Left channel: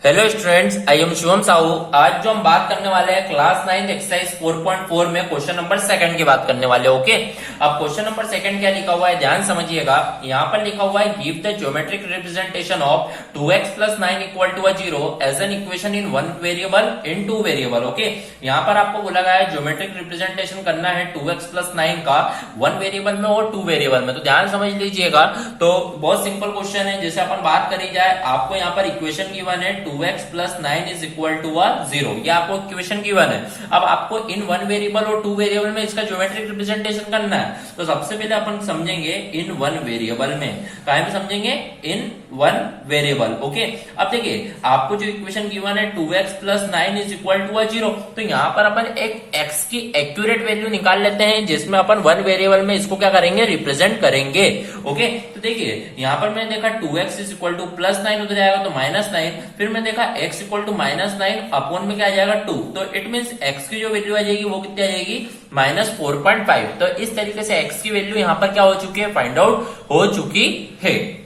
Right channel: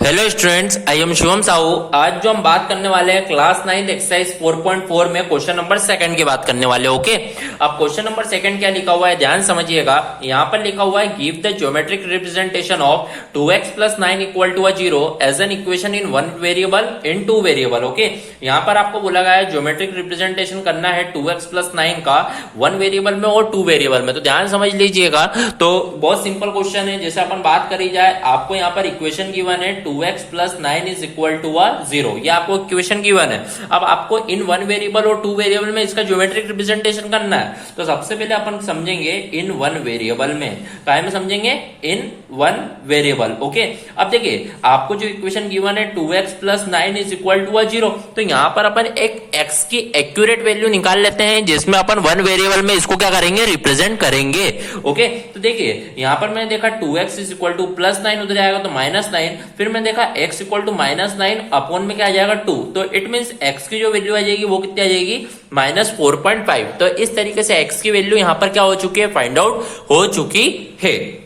Hello students, I am Shivam Sahu. आज जो हम बात करने वाले हैं क्लास 9 एक्सरसाइज 4.4 में क्वेश्चन नंबर सेकंड की बात करने वाले। ओके, अब क्वेश्चन नंबर सेकंड क्या लिखा हुआ है ध्यान समझिएगा। यहाँ पर लिखा हुआ है give the geometric representation of 2x plus 9 equal to 0 as an equation in one variable in two variable. Okay, यहाँ पर आपको बोला गया है ज्योमेट्रिक रिप्रेजेंटेशन करना है 2x प्लस 9 का वन वेरिएबल में और टू वेरिएबल में। तो ध्यान समझ लीजिएगा। तो बहुत सिंपल क्वेश्चन है। जैसे अपन बात करी जाए, आपको यहाँ पर इक्वेशन गिवन है 2x plus 9 is equal to 0। ये आपको इक्वेशन गिवन है। अब आपको इन वन वेरिएबल और टू वेरिएबल में इसका ज्योमेट्रिक रिप्रेजेंटेशन करना है। तो सबसे पहले अपन समझेंगे इन वन वेरिएबल में। काहे में समझेंगे? इन वन वेरिएबल। ओके, अब देखिए आपको जो इक्वेशन गिवन है 2x plus 9 is equal to 0। तो यहाँ पर अपन एक x की एक्यूरेट वैल्यू निकाल लेते हैं, जिसमें अपन वन वेरिएबल में इसको क्या करेंगे? रिप्रेजेंट करेंगे। ओके, तो देखिए यहाँ पर मैंने देखा 2x is equal two plus 9 उधर आएगा तो माइनस 9। फिर मैंने देखा x equal to minus 9 upon में क्या आ जाएगा 2। तो इट मीन्स x की जो वैल्यू आ जाएगी वो कितनी आ जाएगी? -4.5। तो इस तरीके से x की वैल्यू यहाँ पर क्या हो चुकी है? फाइंड आउट हो चुकी है।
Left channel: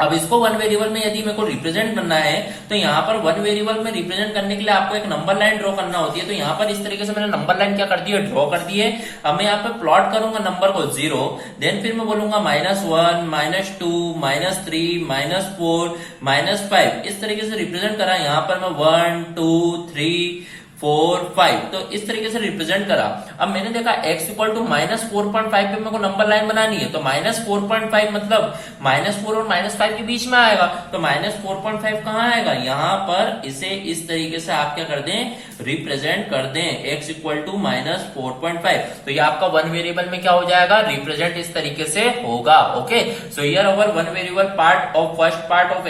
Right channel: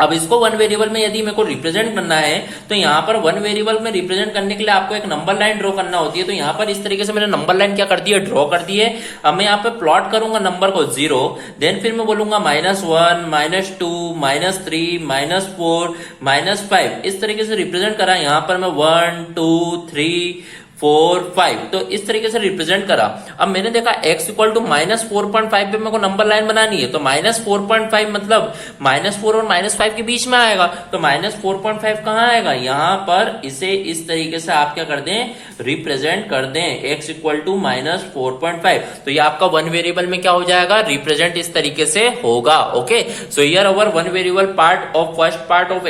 अब इसको वन वेरिएबल में यदि मेरे को रिप्रेजेंट करना है तो यहाँ पर वन वेरिएबल में रिप्रेजेंट करने के लिए आपको एक नंबर लाइन ड्रॉ करना होती है। तो यहाँ पर इस तरीके से मैंने नंबर लाइन क्या कर दी है? ड्रॉ कर दी है। अब मैं यहाँ पे प्लॉट करूंगा नंबर को 0, देन फिर मैं बोलूंगा -1 -2 -3 -4 -5। इस तरीके से रिप्रेजेंट करा। यहाँ पर मैं 1 2 3 4 5 तो इस तरीके से रिप्रेजेंट करा। अब मैंने देखा x इक्वल टू -4.5 पे मेरे को नंबर लाइन बनानी है। तो -4.5 मतलब -4 और -5 के बीच में आएगा। तो -4.5 कहाँ आएगा? यहाँ पर इसे इस तरीके से आप क्या कर दें? रिप्रेजेंट कर दें। x equal to -4.5। तो ये आपका वन वेरिएबल में क्या हो जाएगा? रिप्रेजेंट इस तरीके से होगा। Okay, so here our one variable part of first part of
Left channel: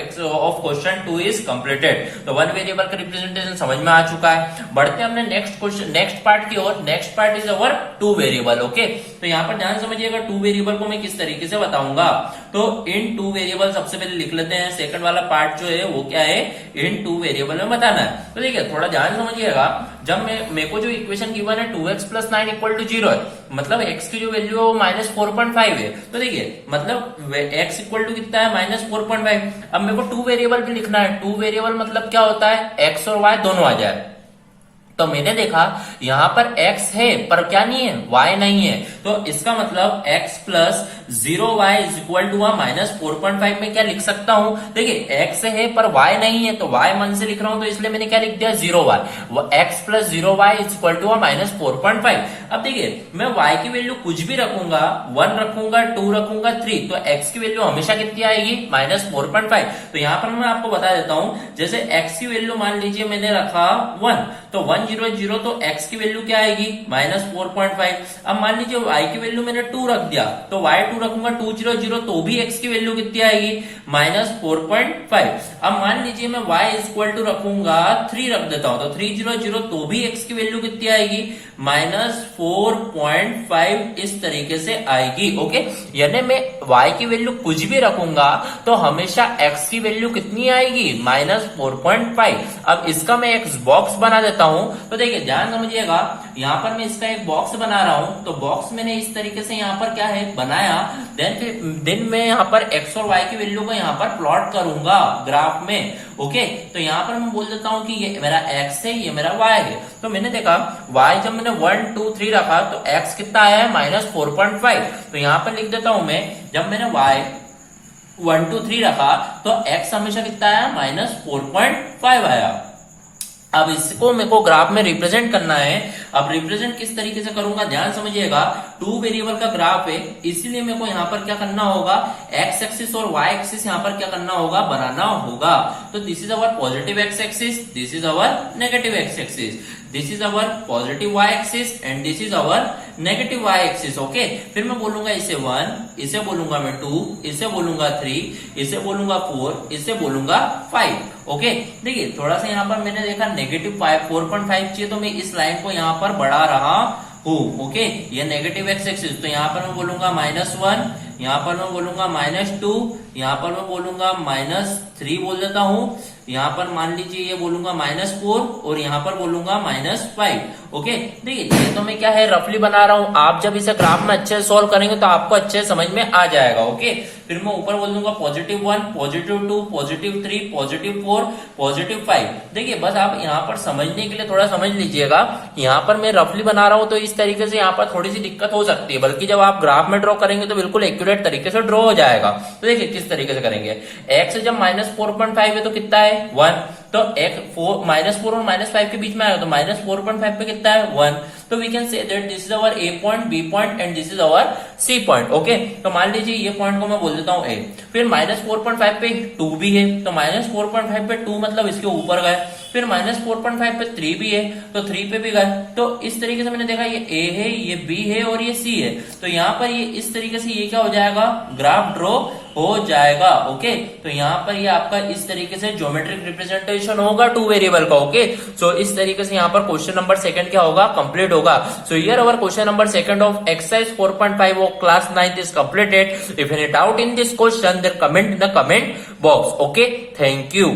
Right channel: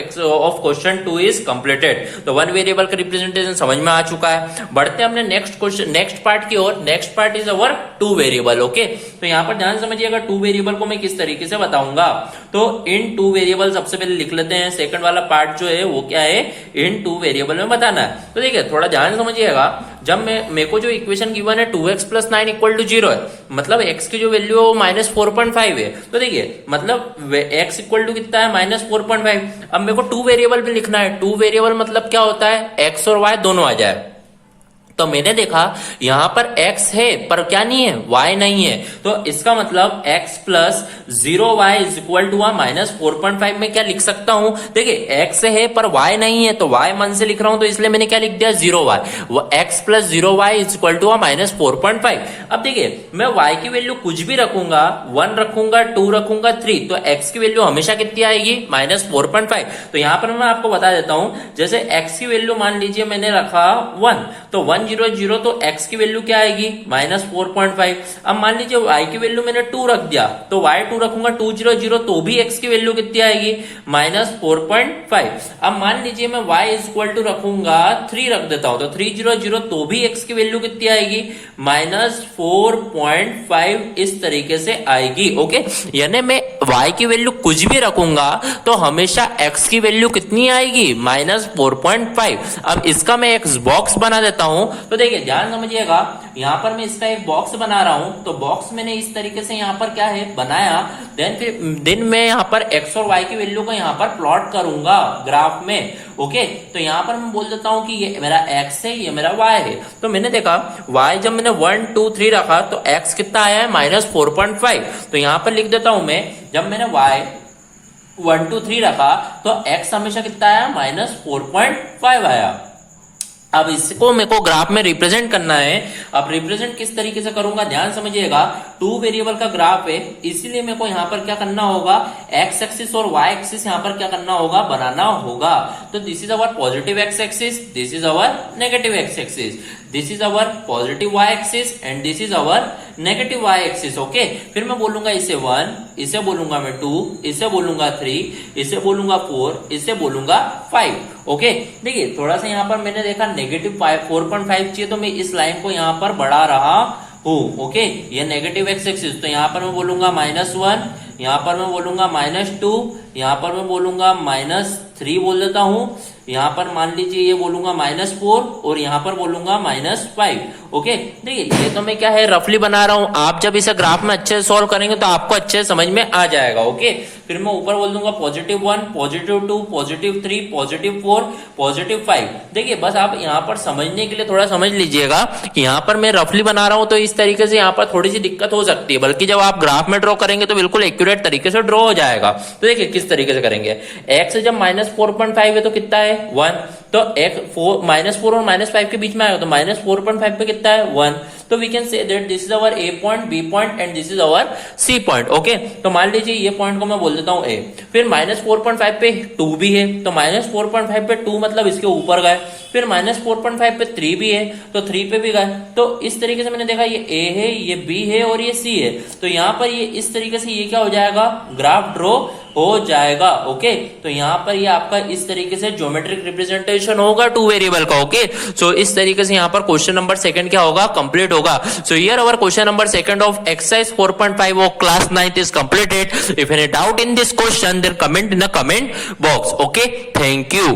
question 2 is completed. तो वन वेरिएबल का रिप्रेजेंटेशन समझ में आ चुका है। बढ़ते हमने नेक्स्ट क्वेश्चन नेक्स्ट पार्ट की ओर। Next part is our two variable. Okay, तो यहाँ पर ध्यान समझिएगा टू वेरिएबल को मैं किस तरीके से बताऊंगा। तो इन टू वेरिएबल सबसे पहले लिख लेते हैं। सेकंड वाला पार्ट जो है वो क्या है? इन टू वेरिएबल में बताना है। तो देखिए थोड़ा ध्यान समझिएगा। जब मेरे को जो इक्वेशन गिवन है 2x प्लस 9 इक्वल टू 0 है, मतलब x की जो वैल्यू है वो -4.5 है। तो देखिए मतलब x इक्वल टू कितना है? -4.5। अब मेरे को टू वेरिएबल भी लिखना है। टू वेरिएबल मतलब क्या होता है? x और y दोनों आ जाए। तो मैंने देखा यहां पर x है पर क्या नहीं है? y नहीं है। तो इसका मतलब x plus 0y is equal to -4.5 में क्या लिख सकता हूं? देखिए x है पर y नहीं है, तो y मन से लिख रहा हूं, तो इसलिए मैंने क्या लिख दिया? 0y। x plus 0y is equal to -4.5। अब देखिए मैं y की वैल्यू कुछ भी रखूंगा, 1 रखूंगा, 2 रखूंगा, 3, तो x की वैल्यू हमेशा कितनी आएगी? -4.5। तो यहां पर मैं आपको बता देता हूं, जैसे x की वैल्यू मान लीजिए मैंने रखा 1, तो 1 0 0 तो x की वैल्यू क्या आएगी? -4.5। अब मान लीजिए y की वैल्यू मैंने 2 रख दिया, तो y 2 रखूंगा 2 0 0 तो भी x की वैल्यू कितनी आएगी? -4.5। अब मान लीजिए मैं y इज इक्वल टू रखूंगा 3 रख देता हूं, तो 3 0 0 तो भी x की वैल्यू कितनी आएगी? -4.5 इस तरीके से आएगी। ओके, यानी मैं y की वैल्यू कुछ भी रखूंगा तो हमेशा x की वैल्यू कितनी आएगी? -4.5। अब इसका मैं एक बॉक्स बना देता हूं। तो देखिए ध्यान समझिएगा, यहाँ पर मैं इसका एक बॉक्स बना रहा हूं। तो बॉक्स मैंने इस तरीके से यहाँ पर क्या है बनाया। देन मैं यहाँ पर x और y की वैल्यू को यहाँ पर प्लॉट करूंगा ग्राफ में। ओके, तो यहाँ पर मैं बोल देता हूं कि ये मेरा x है, ये मेरा y है। तो मैंने देखा y जब मैंने 1 2 3 रखा तो x कितना आया है? -4.5। तो यहाँ पर लिख देता हूं मैं, जब मैंने y 1 2 3 रखा तो x हमेशा कितना आया? -4.5 आया। अब इसको मेरे को ग्राफ में रिप्रेजेंट करना है। अब रिप्रेजेंट किस तरीके से करूंगा ध्यान समझिएगा। टू वेरिएबल का ग्राफ है, इसीलिए मेरे को यहाँ पर क्या करना होगा? x एक्सिस और y एक्सिस यहाँ पर क्या करना होगा? बनाना होगा। तो this is our positive x axis, this is our negative x axis, this is our positive y axis and this is our negative y axis. Okay, फिर मैं बोलूंगा इसे 1, इसे बोलूंगा मैं 2, इसे बोलूंगा 3, इसे बोलूंगा 4, इसे बोलूंगा 5। ओके, देखिए थोड़ा सा यहाँ पर मैंने देखा -4.5 चाहिए, तो मैं इस लाइन को यहाँ पर बढ़ा रहा हूं। ओके, ये नेगेटिव x एक्सिस, तो यहाँ पर मैं बोलूंगा -1, यहाँ पर मैं बोलूंगा -2, यहाँ पर मैं बोलूंगा -3 बोल देता हूँ, यहाँ पर मान लीजिए ये बोलूंगा -4 और यहाँ पर बोलूंगा -5। ओके, देखिए ये तो मैं क्या है रफली बना रहा हूँ, आप जब इसे ग्राफ में अच्छे से सॉल्व करेंगे तो आपको अच्छे से समझ में आ जाएगा। ओके, फिर मैं ऊपर बोल दूंगा +1, +2, +3, +4, +5। देखिए बस आप यहाँ पर समझने के लिए थोड़ा समझ लीजिएगा कि यहाँ पर मैं रफली बना रहा हूँ तो इस तरीके से यहाँ पर थोड़ी सी दिक्कत हो सकती है, बल्कि जब आप ग्राफ में ड्रॉ करेंगे तो बिल्कुल एक्यूरेट तरीके से ड्रॉ हो जाएगा। तो देखिए किस तरीके से करेंगे, x जब -4.5 है तो कितना है 1, तो x -4 और -5 के बीच में आएगा तो -4.5 पे कितना है 1। तो we can say that this is our A point, B point and this is our C point. Okay, तो मान लीजिए ये पॉइंट को मैं बोल देता हूँ A, फिर -4.5 पे 2 भी है तो -4.5 पे 2 मतलब इसके ऊपर गए, फिर -4.5 पे 3 भी है तो 3 पे भी गए। तो इस तरीके से मैंने देखा ये A है, ये B है और ये C है, तो यहाँ पर ये इस तरीके से ये क्या हो जाएगा, ग्राफ ड्रॉ हो जाएगा। ओके, तो यहाँ पर ये आपका इस तरीके से ज्योमेट्रिक रिप्रेजेंटेशन होगा 2 वेरिएबल का। ओके, सो इस तरीके से यहाँ पर क्वेश्चन नंबर 2 क्या होगा, कंप्लीट होगा। So here our question number 2 of exercise 4.5 of class 9th is completed. If any doubt in this question, then comment in the comment box. Okay, thank you.